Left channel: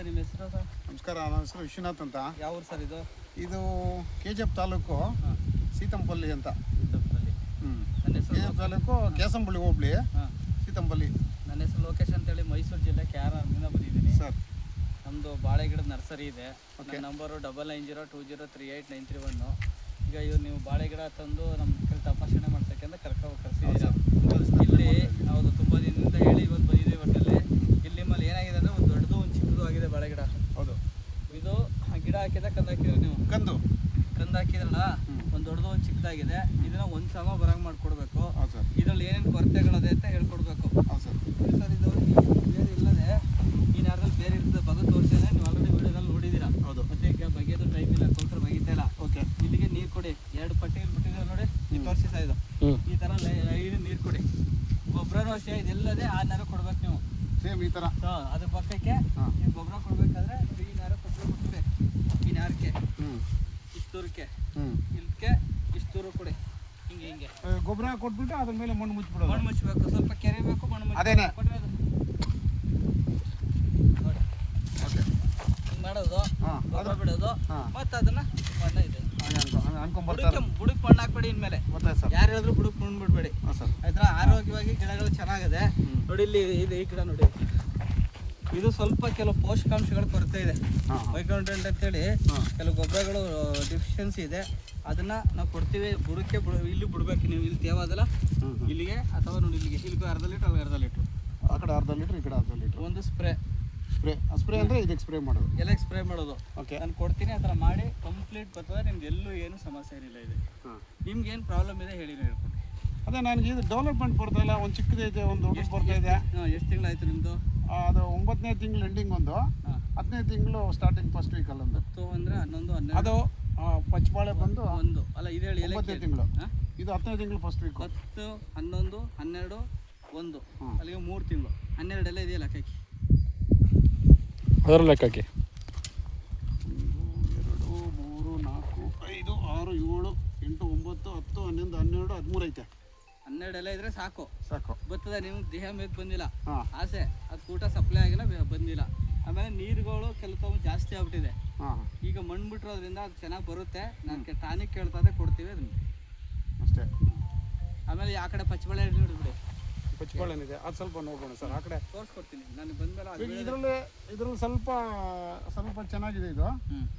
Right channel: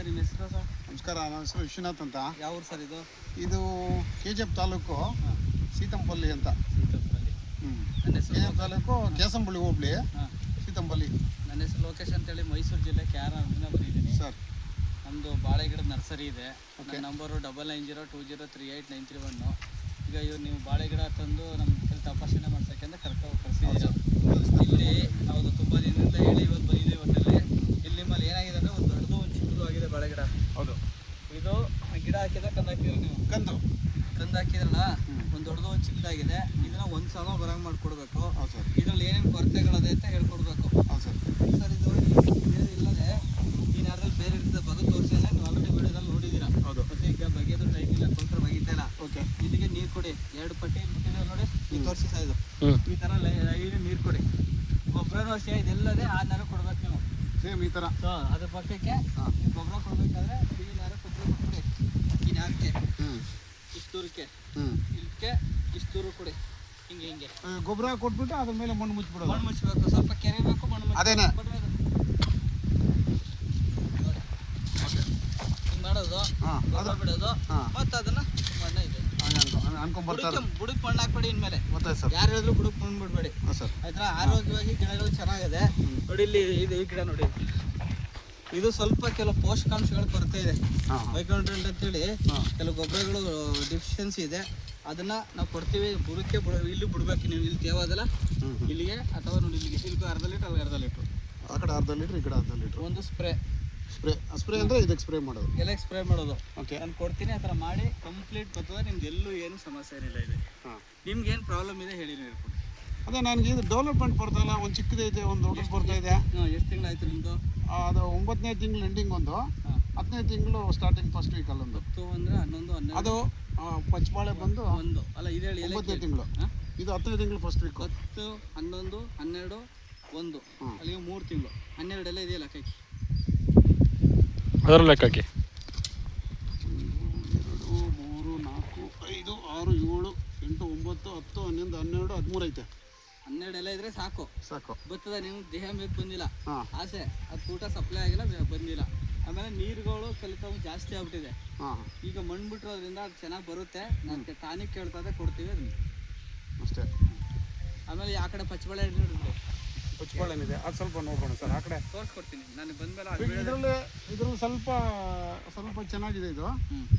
Sir ನಿಮ್ಮ ಹೆಸರು sir? ನಮಸ್ಕಾರ ನನ್ನ ಹೆಸರು ವಿಶ್ವನಾಥ್ ಅಂತ. ಯಾವ ಊರು ಸರ್ ಇದು? ಇದು ಕೆ ಜಿ ಎಫ್ ತಾಲೂಕು ಸೀತಂಪಲ್ಲಿ ಅಂತ. ಸೀತಂಪಲ್ಲಿ. ಹ್ಞೂ ನನ್ನ ಕೆ ಜಿ ಹೆಸರು ಎಫ್ ತಾಲೂಕು ಕೇಸಂಬಳ್ಳಿ ಹೋಬಳಿ. ಹಾಂ. ಸೀತಂಪಲ್ಲಿ. ನನ್ನ ಹೆಸರು ಲೋಕೇಶ್ ಅಂತೇಳಿ ಮೈಸೂರು ಜಿಲ್ಲೆ ಕ್ಯಾರ ಆರ್ನಿಂದ ಬಂದಿದ್ದೀನಿ. ಸರ್. ನಮ್ಮದು ಬಾಳೆ ಗಿಡದ ನರ್ಸರಿ ಇದೆ. Okay. Number double nine zero two zero three eight nine three one ಈಗ ಇವ್ರು ನೀವು ಬಾಳೆ ಗಿಡ ತಂದು ನಮ್ಮ ಕಡೆ ತಪಾಸಣೆ ಮಾಡ್ಸೋಕ್ಕೆ ಅಂತ ಕರ್ಕೊ ಕರ್ಸಿದ್ದೀರ? ಇಲ್ಲಿ ಹೌದು ತುಂಬ ದಿನದಿಂದ ಹೇಳಿ ಇವತ್ತು ಬಂದಿದ್ದೀವಿ ಒಟ್ಟಲ್ಲಿ ಇಲ್ಲಿ ನಿಮ್ಮಲ್ಲಿ ಏನಾಗಿದೆ ಅಂದರೆ ಒಂದು ದೊಡ್ಡದು ಒಂದು ಚಿಕ್ಕದು ಆಗಿದೆ ಬಾಳೆ ಗಿಡ ಹೌದು ಇದು ಗಿಡ ಹಾಕಿದ ಕಂದ ಹಾಕಿದ್ರೆ ನೀವು? ಕಂದು. ಕಂದ ಹಾಕಿದ್ರಲ್ಲ. ಒಂದು ದೊಡ್ಡದು ಒಂದು ಚಿಕ್ಕದಾಗಿದೆ. ಇದನ್ನ ಒಂದು ಸಮ ಬರಂಗ್ ಮಾಡ್ಕೊಡ್ಬೇಕು. ಹೌದು ಸರ್. ಇದ್ರಲ್ಲಿ ಏನೇನು ಕೊರತೆಗಳದೆ ಅಂತ ಹೇಳ್ಕೊಡ್ಬೇಕು. ಹೌದು ಸರ್. ಸರ್ ಇದು ಬೇರೆ ಇಲ್ಲದೆ ಈ ಬೇರೆ ಇರ್ತದೆ ಬಗೆ ತೋರಿಸಿದ್ರೆ ನೀವು ಆಲ್ರೆಡಿ ವಿಡಿಯೋದಲ್ಲಿ ನೋಡಿದ್ದೀರಾ? ಹೌದು. ಮತ್ತೆ ಈಗ ಬಗೆಯೋದು ಟೈಮ್ ಇಲ್ಲ ಕೌಂಟರ್ ಬಗೀತಾ ಇಲ್ಲ. ಓಕೆ. ಇಲ್ಲಿಗೆ ನೀರು ಕೊಡಿ. ಎರಡು ಪಟ್ಟಿ ಬಿಟ್ಟಿದ್ರೆ ನೋಡಿ. ಈ. ತೋರಿಸಿ ಇದು ಈ ಥರ ಲೈನ್ ನೀರು ಕೊಡಿ. ಗೊಬ್ಬರನೂ ಅಷ್ಟೇ ಇದೆಲ್ಲದೆ ಆ ನೆರ ಕೊಡ್ಬೇಕು ನೀವು. ಸೇಮ್ ಈ ಥರ ಅದ್ರ ಪಕ್ಕಕ್ಕೆ ನೀವು ಗೊಬ್ಬರ ಕೊಡ್ಬೇಕಾದ್ರೆ ಈ ನಾರ ಕೊಟ್ಟರೆ ಕೊಟ್ಬಿಡಿ ಈ ನಾರಕ್ಕೆ ಹ್ಞೂ ಇಷ್ಟು ದೂರಕ್ಕೆ ಹ್ಞೂ ಇದಕ್ಕೆ ಇಷ್ಟು ಕೊಡಿ. ಹಿಂಗೆ ಹಿಂಗೆ. ಗೊಬ್ಬರ ಕೊಟ್ಬಿಟ್ಟು ಅದ್ರ ಮೇಲೆ ಮಣ್ಣು ಮುಚ್ಚಿಬಿಡೋದು. ಮಣ್ಣು ಮುಚ್ಚಬೇಕು ಸ್ವಲ್ಪ ಕೆರೆಬೇಕು ಮಣ್ಣು ಮುಚ್ಚಬೇಕು. ಅದೇನೆ. ಮಾಡೋದು ಹಾಂ ಗೊಬ್ಬರ ಬಿಡೋದು ಹಾಂ. ಮತ್ತೆ ಅದನ್ನ ಮಣ್ಣ ಇದೆ. ಬುಡಕ್ಕೆ ಮಣ್ಣು ಹಾಕ್ಬೇಡಿ ಇನ್ಮೇಲೆ. ಯಾರು ಹೇಳಿದ್ರು ಬುಡಕ್ಕೆ ಮಣ್ಣು ಬಿಡಬೇಡಿ. ಆಯ್ತಾ? ಆರೋಗ್ಯವಾಗಿ ಗಿಡಗಳು ಚೆನ್ನಾಗಿದೆ. ನೋಡಿ ಇಲ್ಲಿ ಇದು ಈ ಗಿಡ ನೋಡಿ. ಇದು ಸ್ವಲ್ಪ ಕೆಲವು ಪೋಷಕಾಂಶಗಳ ಕೊರತೆ ಇದೆ. ಮೈಕ್ರೋನ್ಯೂಟ್ರೆಂಟ್ ಅಂತೇಳಿ ಕೆಲವು ಗೊಬ್ಬರಗಳು ಡಿಫಿಷಿಯನ್ಸಿ ಇದೆ. ಅದನ್ನ ನಾವು ಕೊಡ್ತೀವಿ ಬುಡಕ್ಕೆ ಬುಡ ಇಲ್ಲಿ ಬಿಡ್ಬೇಕು ನೀವು ಇಲ್ಲಿ ತೇವಾದಲ್ಲ ಇಲ್ಲಿಗೆ ಅಥವಾ ನೋಡಿ ಇಲ್ಲಿಗೆ. ಇಲ್ಲಿ ಅರ್ಧ ಲೀಟ್ರ್ ಅಲ್ಲಿ ಅರ್ಧ ಲೀಟ್ರ್. ಆ ಕಡೆ ಅರ್ಧ ಲೀಟ್ರ್ ಈ ಕಡೆ ಅರ್ಧ ಲೀಟ್ರ್. ಒಂದು ಸ್ಪ್ರೇ. ಸ್ಪ್ರೇ ಸ್ಪ್ರೇ ಅಂದರೆ ಇದಕ್ಕೆ ಸ್ಪ್ರೇ ಮಾಡೋದು. ಎಲ್ಲ ಸ್ಪ್ರೇ ಮಾಡೋದು. ಓಕೆ. ನಾನು ಕೊಡ್ತೀನಿ ಆ ಥರ ಮಾಡಿ ಕಂಪ್ಲೀಟ್ ಬರ್ತದೆ ನಿಮ್ಗೆ ಎಲ್ಲೂ ಏನು ಸಮಸ್ಯೆ ಏನಿಲ್ಲ ಇದೆ. ನಿಮ್ಗೆ ಏನು ಪ್ರಾಬ್ಲಮ್ ಇದೆ ಹೇಳಿ ಹೇಳ್ಕೊಡಿ. ಅದೇ ನನಗೆ ಇದು ಡೆವಲಪ್ಮೆಂಟ್ ಬರ್ತಾ ಇಲ್ಲ ಒಂದು ಇದೆ ಒಂದು ದೊಡ್ಡದು ಬರ್ತಾ ಇದೆ ಎಷ್ಟು ತಿಂಗಳಾಯ್ತು ನಿಮ್ಮದು ಅದು ಒಂಬತ್ತನೇ ತಿಂಗಳು ಎಂಡಿಂಗ್ ಒಂದು. ಹಾಂ. ಹತ್ತನೇ ತಿಂಗಳು ಸ್ಟಾರ್ಟಿಂಗ್ ಫಸ್ಟ್ ವೀಕಲ್ಲಿ ಒಂದು ಹತ್ತು ಅಂದರೆ ಹನ್ನೊಂದು ಹನ್ನೆರಡು. ಅದು ಪಚ್ಚಬಾಳೆ ಬಂದು ಒಂದು. ಅಲ್ಲ ಇದು ಹೇಳಿ ಒಂಬತ್ತನೇ ತಿಂಗಳು. ಇದು ಹತ್ತನೇ ತಿಂಗಳು ಫಸ್ಟ್ ವೀಕ್ ಹತ್ತು ಹನ್ನೊಂದು ಹನ್ನೆರಡು ಒಂದು. ಅಲ್ಲಿಗೆ ಮೂರು ತಿಂಗಳು. ಹನ್ನೆರಡೆಲ್ಲ ಇದೆಯಲ್ಲ ಕೈ ಅದರ ಲೆಕ್ಕಕ್ಕೆ ಒಂದು ಎರಡು ಮೂರು ನಾಲ್ಕು ಐದು ಆರು ಏಳು ಎಂಟು ಒಂಬತ್ತು ಹತ್ತು ಹನ್ನೊಂದು ಹನ್ನೆರಡು ಹದಿಮೂರು ಐತೆ. ಹನ್ನೆರಡೆಲ್ಲ ಇದ್ರೆ ಸಾಕು. ಸಾಕು. ಬರ್ತದೆ ನೀವು ದೇಹ ಮೇಲೆ ಬಂದಿಲ್ಲ. ಹಾಂ. ಆಸೆ ಅದು ಊಟ ಸಪ್ಲೈ ಆಗಿಲ್ಲ ಬ- ಬಂದಿಲ್ಲ. ಆಮೇಲೆ ನೀರುಗಳು ಕೆಲವು ಜಾಸ್ತಿ ಆಗ್ಬಿಟ್ಟಿದೆ. ಹಾಂ. ಈಗ ಮಣ್ಣು ಬಿಟ್ಟಿರೋದ್ರಿಂದ ಅದು ಚೆನ್ನಾಗಿ ಬರುತ್ತೆ. ನನಗೆ ಟಾನಿಕ್ ಕೇಳ್ತದೆ ಕೊಡ್ತೀವಿ ಅದನ್ನ. ಅಷ್ಟೇ. ಆಮೇಲೆ ಆ ಕಡೆ ಪಚ್ಚಬಳೆ ಪಚ್ಚಬಳೆ ಪಚ್ಚಬಾಳೆನಿದೆ ಅದು ಸ್ವಲ್ಪ ನೋಡೋಣ ಸರ್ ಆ ಕಡೆ. ತೋರಿಸ್ಕೊಡ್ತೀನಿ. ನಾನು ಬಂದ್ಮೇಲೆ ಇದರಲ್ಲಿ ಇದ್ರಲ್ಲಿ ಸ್ವಲ್ಪ ಸ್ವಲ್ಪ ಚೆನ್ನಾಗಿದೆ ಇದು. ಹ್ಞೂ